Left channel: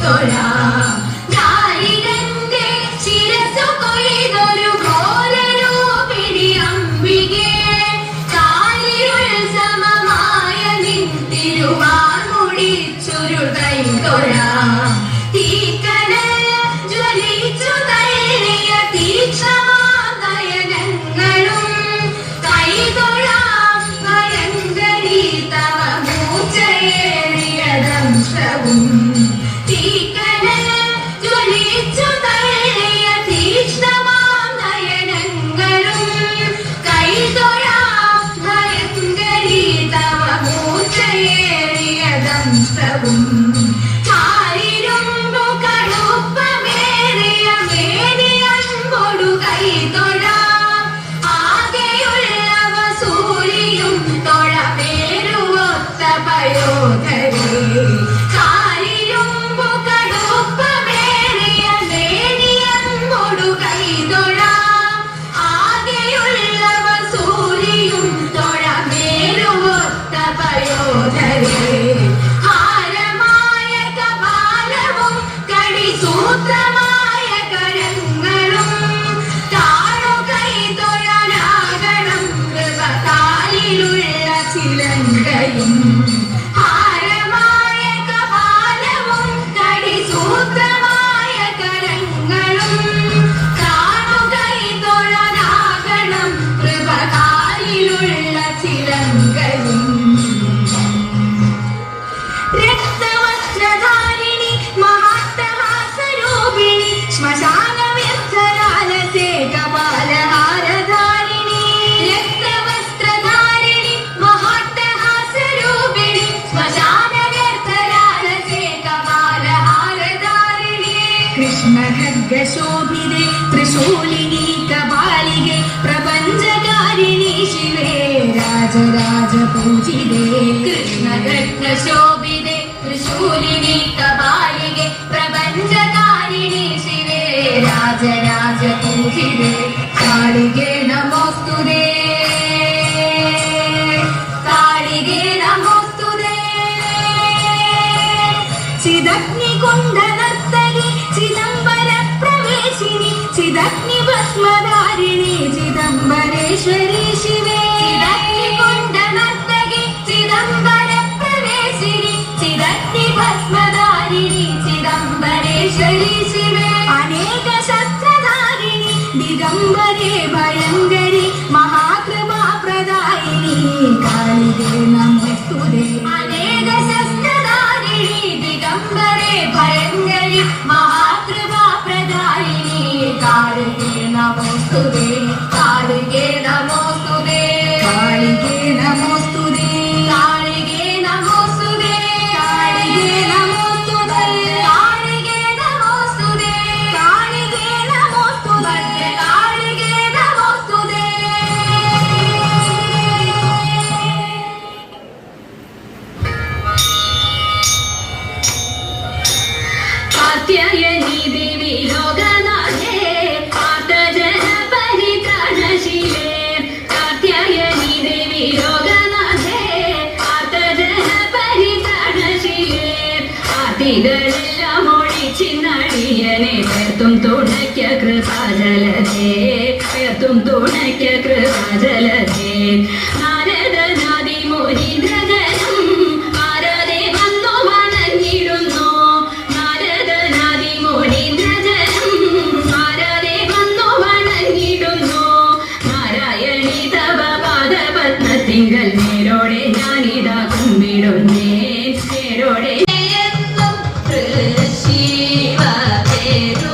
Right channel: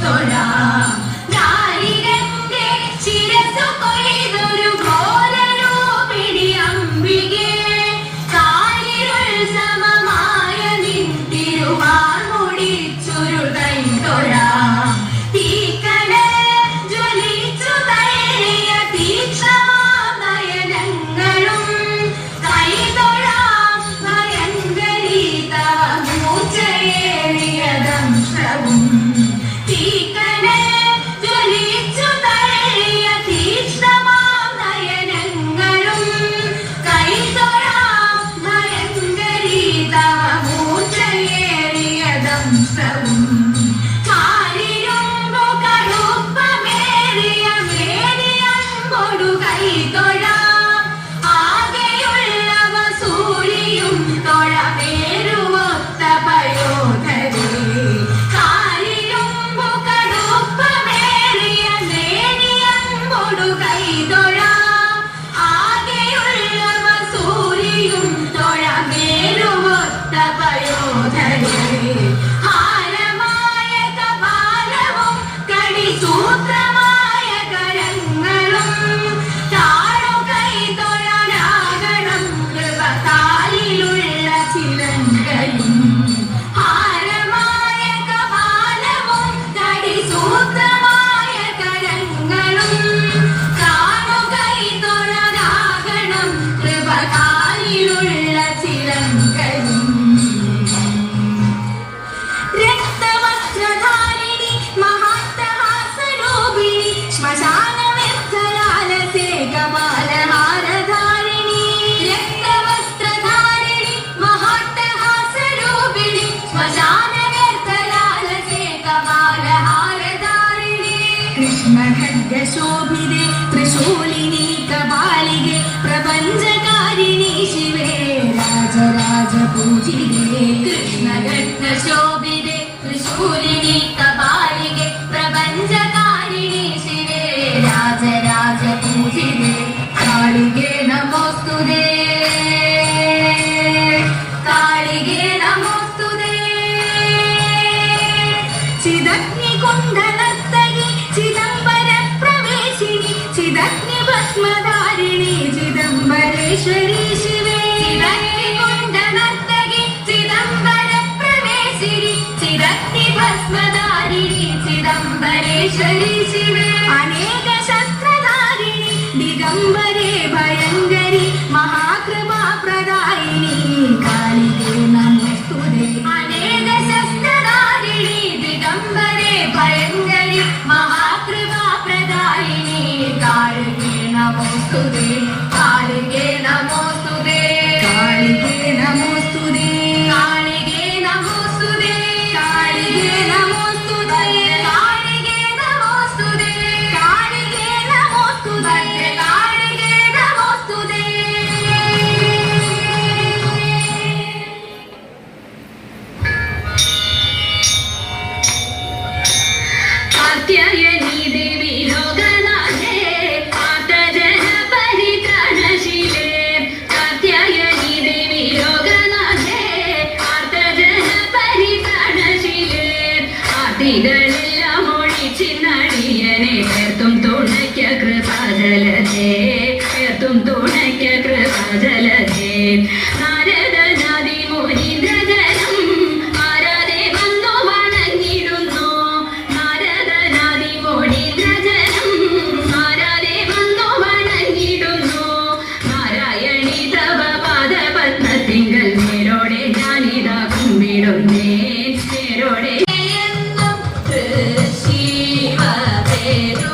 don't victoria രാജരാജപൂജിതേ കൃഷ്ണഖഡ്ഗശോഭിതേ തൃശൂലിനി കപാലികെ പ്രപഞ്ചകാരിണി ശിവേ രാജരാജപൂജിതേ കാളികേ നമോസ്തുതേ കാളികേ നമോസ്തുതേ ചിദഗ്നികുണ്ഡനർത്തകി ചിദംബര പ്രവേശിനി ചിദഗ്നി ഭസ്മധാരിണി ചിദംബരേശ്വരി అనేక శస్త్రధారిణి దిగంబరే భయంకరి మహాప్రభా ప్రదాయిని కాళిదే నమస్తుదే అనేక శస్త్రధారిణి దిగంబరే ആർത്തികളെല്ലാം ഒഴിച്ചിന്നടിയനെ ചേർത്തും തുണയ്ക്ക കൃപാജലതേ ചേർത്തും തുണയ്ക്ക കൃപാജലതേ. inteiro